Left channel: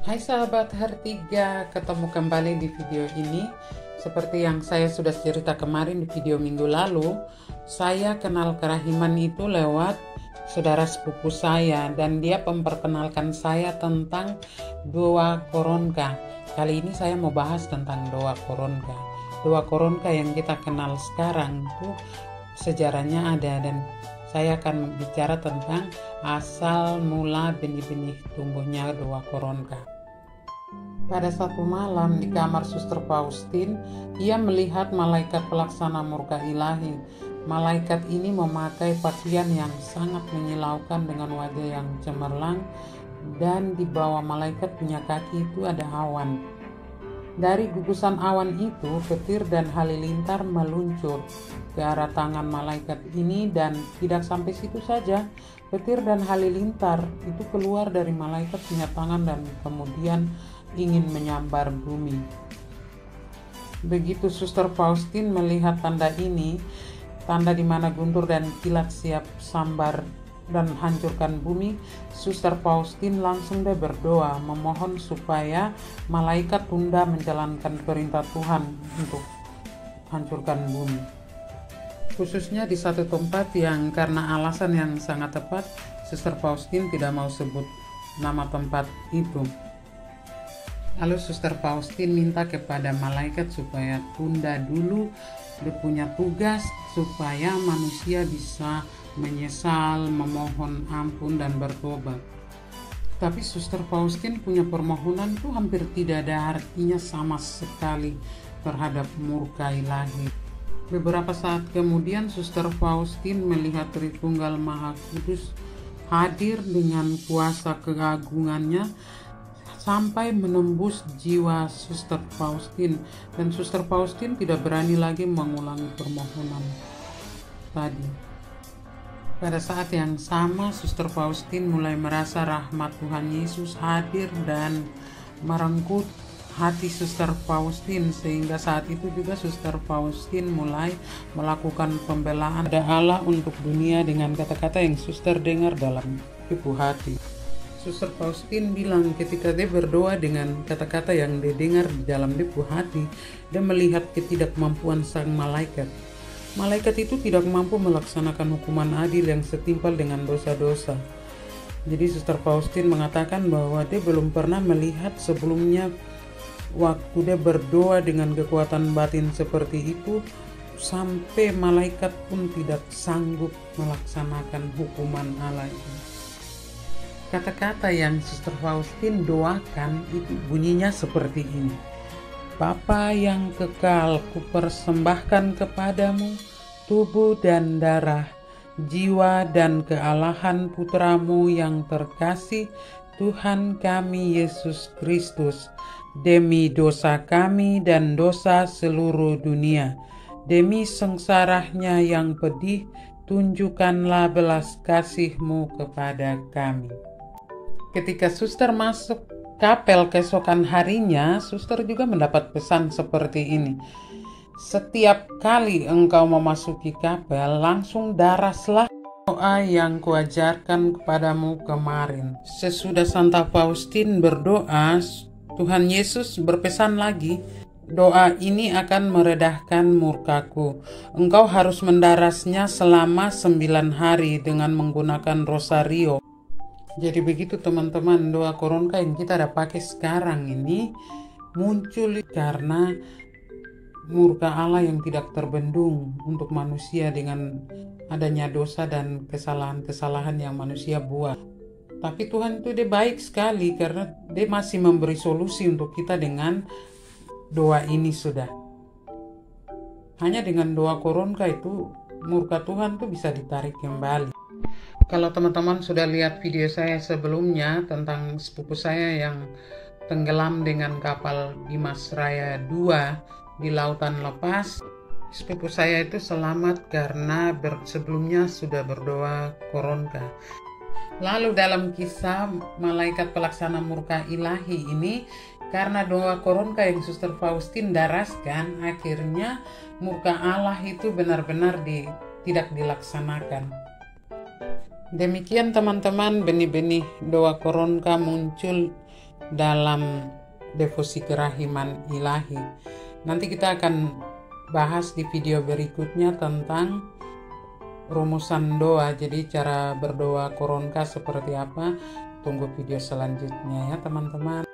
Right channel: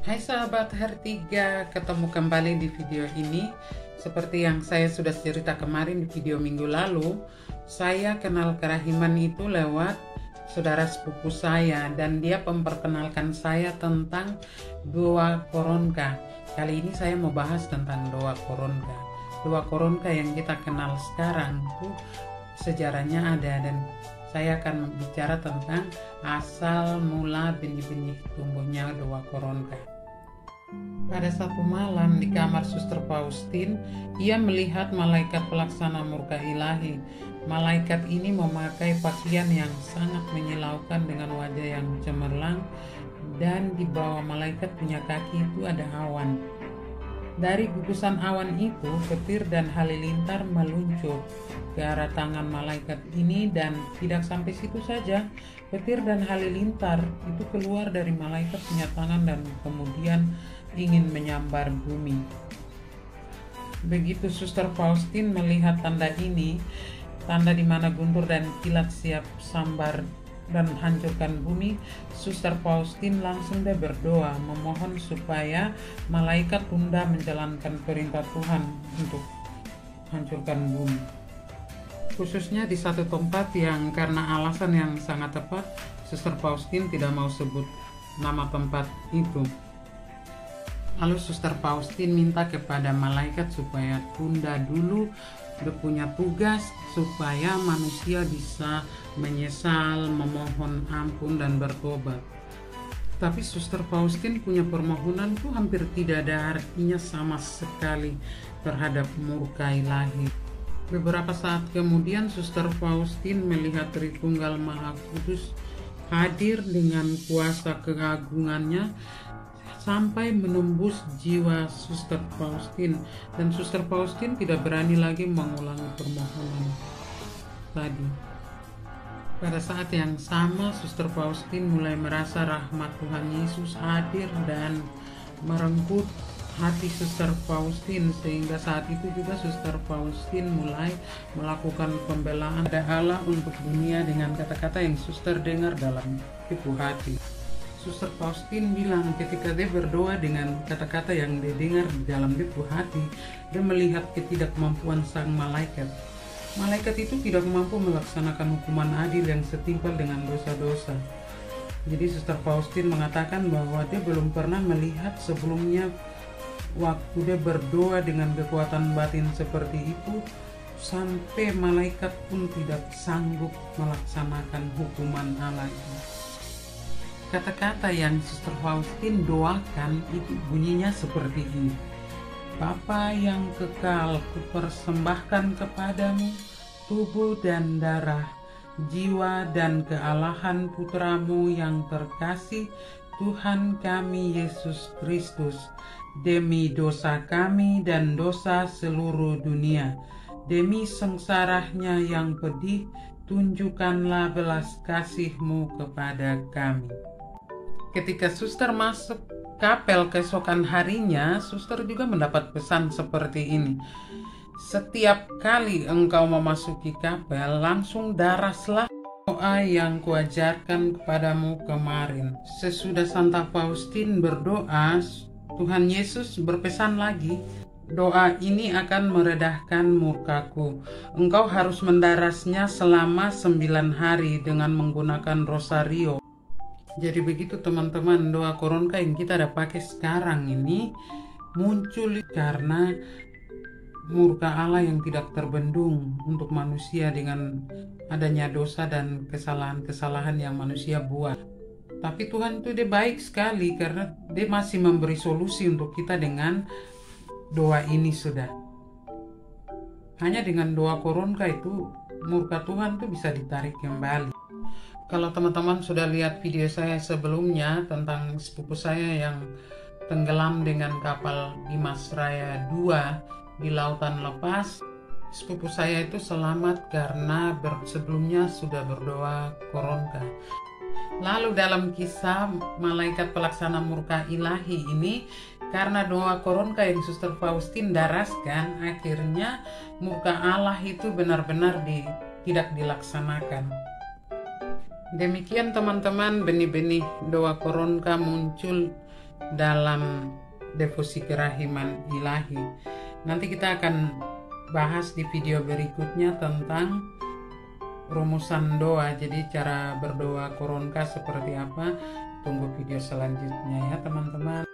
Hai sahabat Hartiga, ketemu kembali di video ini. Seperti yang saya sudah cerita kemarin di video minggu lalu, saya kenal kerahiman itu lewat saudara sepupu saya, dan dia memperkenalkan saya tentang doa koronka. Kali ini saya mau bahas tentang doa koronka. Doa koronka yang kita kenal sekarang itu sejarahnya ada, dan saya akan bicara tentang asal mula benih-benih tumbuhnya doa koronka. Pada satu malam di kamar Suster Faustin, ia melihat malaikat pelaksana murka ilahi. Malaikat ini memakai pakaian yang sangat menyilaukan dengan wajah yang cemerlang, dan di bawah malaikat punya kaki itu ada awan. Dari gugusan awan itu, petir dan halilintar meluncur ke arah tangan malaikat ini, dan tidak sampai situ saja. Petir dan halilintar itu keluar dari malaikat punya tangan dan kemudian ingin menyambar bumi. Begitu Suster Faustin melihat tanda ini, tanda di mana guntur dan kilat siap sambar dan hancurkan bumi, Suster Faustin langsung dia berdoa memohon supaya malaikat tunda menjalankan perintah Tuhan untuk hancurkan bumi. Khususnya di satu tempat yang karena alasan yang sangat tepat, Suster Faustin tidak mau sebut nama tempat itu. Lalu Suster Faustin minta kepada malaikat supaya tunda dulu, dia punya tugas supaya manusia bisa menyesal, memohon ampun dan bertobat. Tapi Suster Faustin punya permohonan itu hampir tidak ada artinya sama sekali terhadap murka ilahi. Beberapa saat kemudian Suster Faustin melihat Tritunggal Maha Kudus hadir dengan kuasa keagungannya sampai menembus jiwa Suster Faustin, dan Suster Faustin tidak berani lagi mengulangi permohonan tadi. Pada saat yang sama, Suster Faustin mulai merasa rahmat Tuhan Yesus hadir dan merenggut hati Suster Faustin, sehingga saat itu juga Suster Faustin mulai melakukan pembelaan pada Allah untuk dunia dengan kata-kata yang Suster dengar dalam ibu hati. Suster Faustin bilang ketika dia berdoa dengan kata-kata yang dia dengar di dalam ibu hati, dia melihat ketidakmampuan sang malaikat. Malaikat itu tidak mampu melaksanakan hukuman adil yang setimpal dengan dosa-dosa. Jadi Suster Faustin mengatakan bahwa dia belum pernah melihat sebelumnya waktu dia berdoa dengan kekuatan batin seperti itu, sampai malaikat pun tidak sanggup melaksanakan hukuman Allah ini. Kata-kata yang Suster Faustin doakan itu bunyinya seperti ini. Bapa yang kekal, kupersembahkan kepadamu tubuh dan darah, jiwa dan kealahan putramu yang terkasih, Tuhan kami Yesus Kristus, demi dosa kami dan dosa seluruh dunia. Demi sengsaranya yang pedih, tunjukkanlah belas kasih-Mu kepada kami. Ketika Suster masuk kapel keesokan harinya, Suster juga mendapat pesan seperti ini. Setiap kali engkau memasuki kapel, langsung daraslah doa yang kuajarkan kepadamu kemarin. Sesudah Santa Faustin berdoa, Tuhan Yesus berpesan lagi, doa ini akan meredahkan murkaku. Engkau harus mendarasnya selama 9 hari dengan menggunakan rosario. Jadi begitu teman-teman, doa koronka yang kita ada pakai sekarang ini muncul karena murka Allah yang tidak terbendung untuk manusia dengan adanya dosa dan kesalahan-kesalahan yang manusia buat. Tapi Tuhan itu dia baik sekali karena dia masih memberi solusi untuk kita dengan doa ini sudah. Hanya dengan doa koronka itu murka Tuhan itu bisa ditarik kembali. Kalau teman-teman sudah lihat video saya sebelumnya tentang sepupu saya yang tenggelam dengan kapal Dimas Raya 2 di lautan lepas, sepupu saya itu selamat karena sebelumnya sudah berdoa koronka. Lalu dalam kisah malaikat pelaksana murka ilahi ini, karena doa koronka yang Suster Faustin daraskan, akhirnya murka Allah itu benar-benar tidak dilaksanakan. Demikian teman-teman, benih-benih doa koronka muncul dalam devosi kerahiman ilahi. Nanti kita akan bahas di video berikutnya tentang rumusan doa, jadi cara berdoa Koronka seperti apa. Tunggu video selanjutnya ya teman-teman.